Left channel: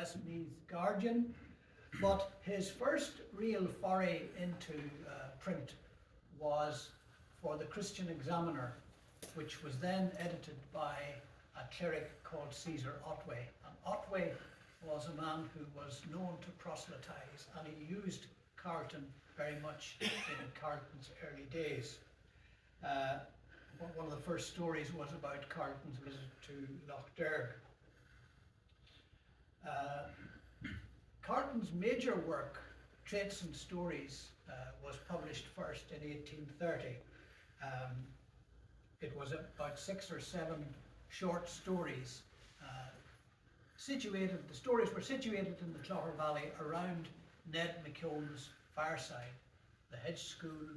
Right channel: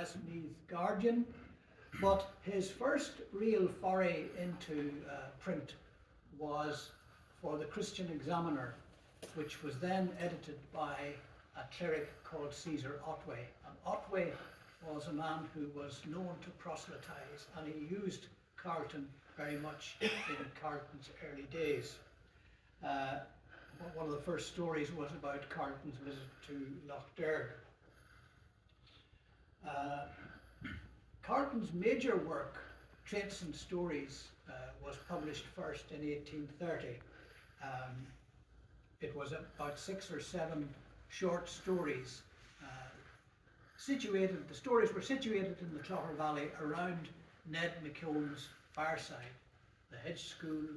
Westmeath Guardian, but his first real foray into print was for the Christian Examiner, which was then edited by a cleric called Caesar Otway. And Otway was a man who was known to proselytize, and he used Carleton very much in Carleton's early days. One of the first stories was about Carleton's visit to Lough Derg. Carleton's major work, Traits and Stories, was published first in 1830. It was about 6 or 7 short stories. The stories were situated in the Clogher Valley around Ned McKeown's fireside, the Hedge School,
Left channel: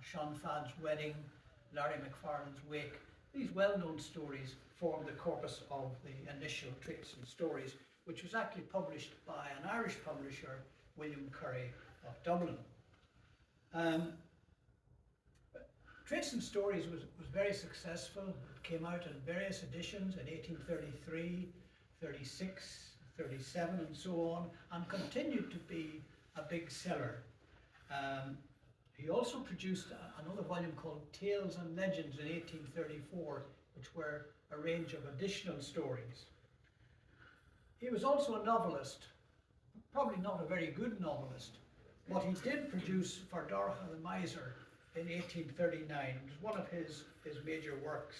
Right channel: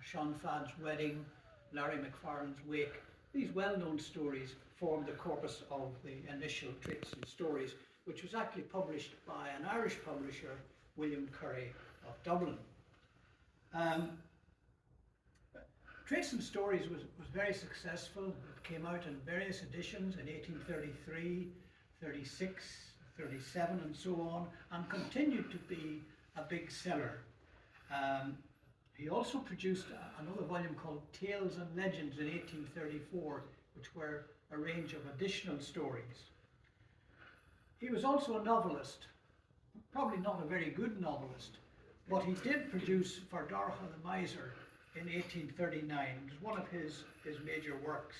Sean Fadd's wedding, Larry McFarlane's wake. These well-known stories formed the corpus of the initial Traits and Stories, which was actually published by an Irish publisher, William Curry of Dublin. Traits and Stories was very successful. It came out in various editions in 1833, 36, 37 and so on, and continued to be a big seller. He also produced another volume called Tales and Legends in 1834, which were a range of additional stories. He was also a novelist, probably not a very good novelist, but he did produce For Dorcha the Miser in 1839. It was one of his major works.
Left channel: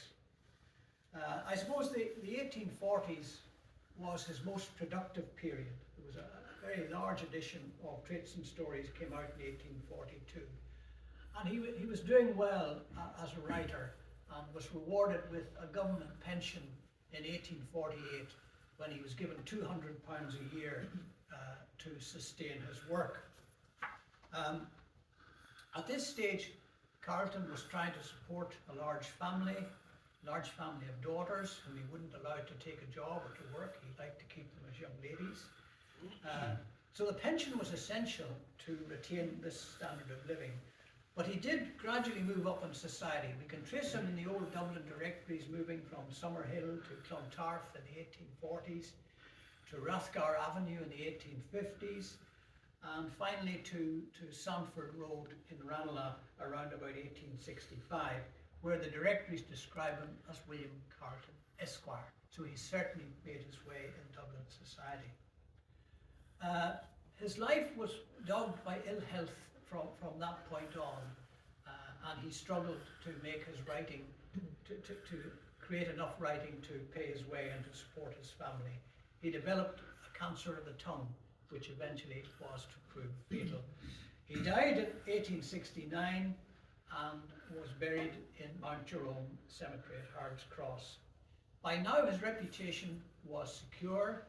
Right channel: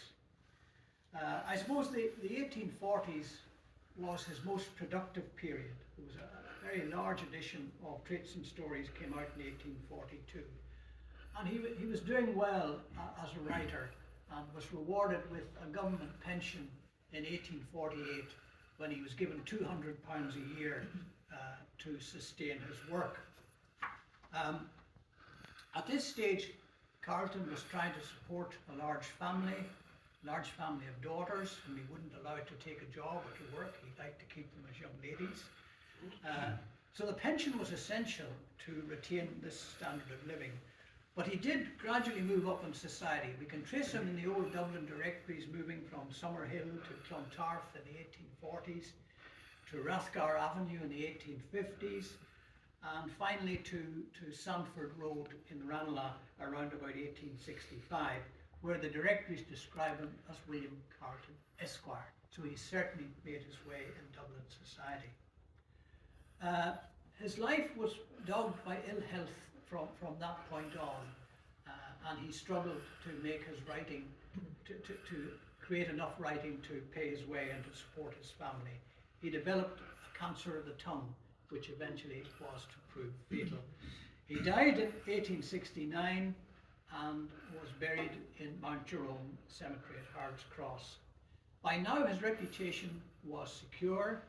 I suppose the 1840s was his most productive period. There was a very large edition of Traits and Stories came out in 1842. And he was doing well as a writer and was rewarded with a government pension in 1848 when he was given £200 a year to sustain his work. At this stage, Carleton was trying to support a large family of daughters whom he wouldn't allow to take a job or to work. He liked to keep them as young ladies. So the pension was essential to retain this standard of living. But he did gradually move up in society. We can trace him in the old Dublin directories, moving from Summerhill to Clontarf in the 1840s, to Rathgar Avenue in the 1850s, and finally to Sandford Road in Ranelagh around about 1865, where the directories describe him as William Carleton, Esquire. So he certainly made his way in Dublin society. His life was dogged by ill health from that point on, and he struggled to make his writing, to create enough writing to pay his way and to support his family. He developed a cancer of the tongue, which eventually was to prove fatal. He died in 1869 and was buried in Mount Jerome Cemetery at Harold's Cross. By now his reputation was secure.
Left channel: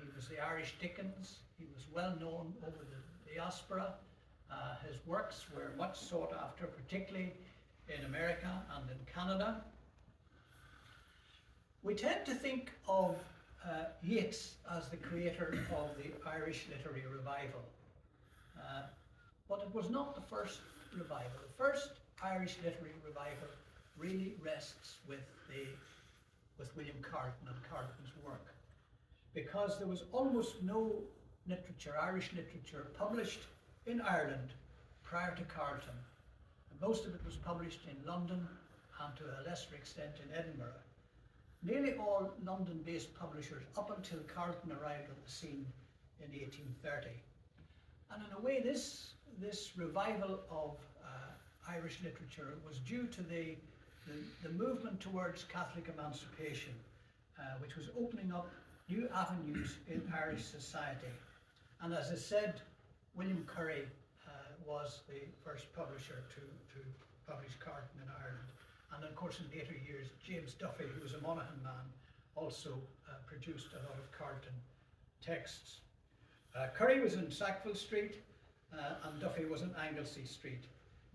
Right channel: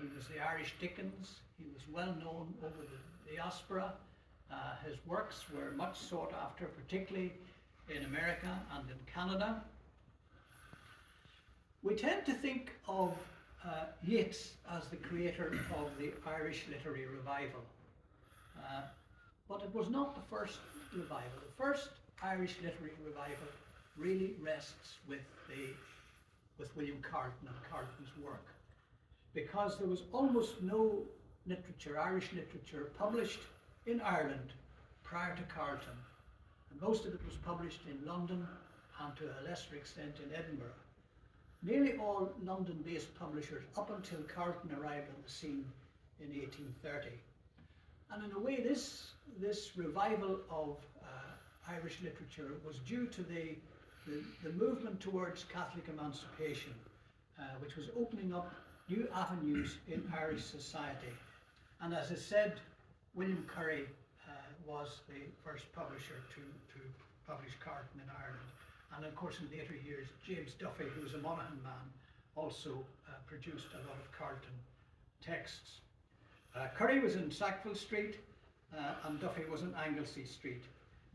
He was the Irish Dickens. He was well known over the diaspora. His works were much sought after, particularly in America and in Canada. We tend to think of Yeats as the creator of the Irish literary revival. But it was not the first revival. The first Irish literary revival really rests with William Carleton and Carleton's work, because there was almost no literature, Irish literature, published in Ireland prior to Carleton. And most of it was published in London and to a lesser extent in Edinburgh. Nearly all London-based publishers up until Carleton arrived on the scene in 1830. And in a way, this revival of Irish literature was due to the movement towards Catholic emancipation, which was opening up new avenues in Irish society. And as I said, William Curry was the first publisher to publish Carleton in Ireland. And of course, in later years, James Duffy, who was a Monaghan man, also produced a lot of Carleton texts. Curry was in Sackville Street, and Duffy was in Anglesey Street,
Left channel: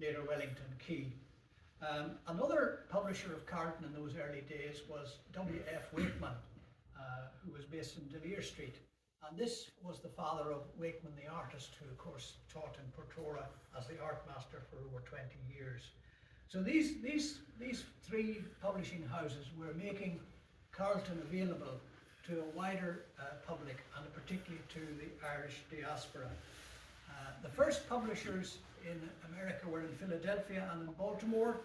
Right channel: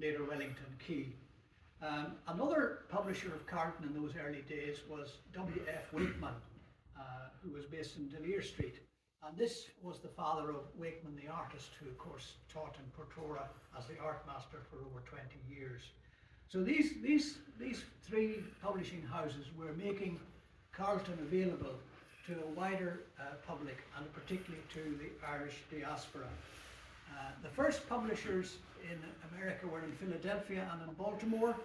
later Wellington Quay. Another publisher of Carleton in those early days was W.F. Wakeman, who was based in De Vere Street. And this was the father of Wakeman the artist, who of course taught in Portora as the art master for over 20 years. So these three publishing houses were making Carleton available to a wider public, and particularly to the Irish diaspora. The first publishers in America were in Philadelphia and in Baltimore.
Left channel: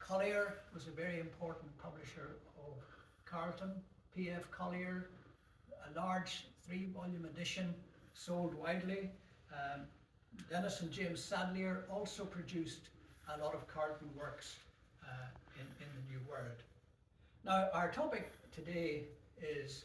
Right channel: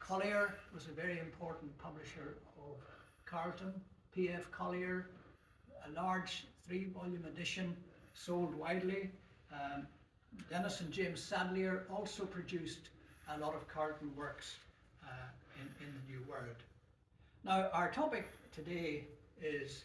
Collier was a very important publisher of Carleton, P.F. Collier, a large 3-volume edition, sold widely. Dennis and James Sadleir also produced a lot of Carleton works in the New World. Now, our topic today is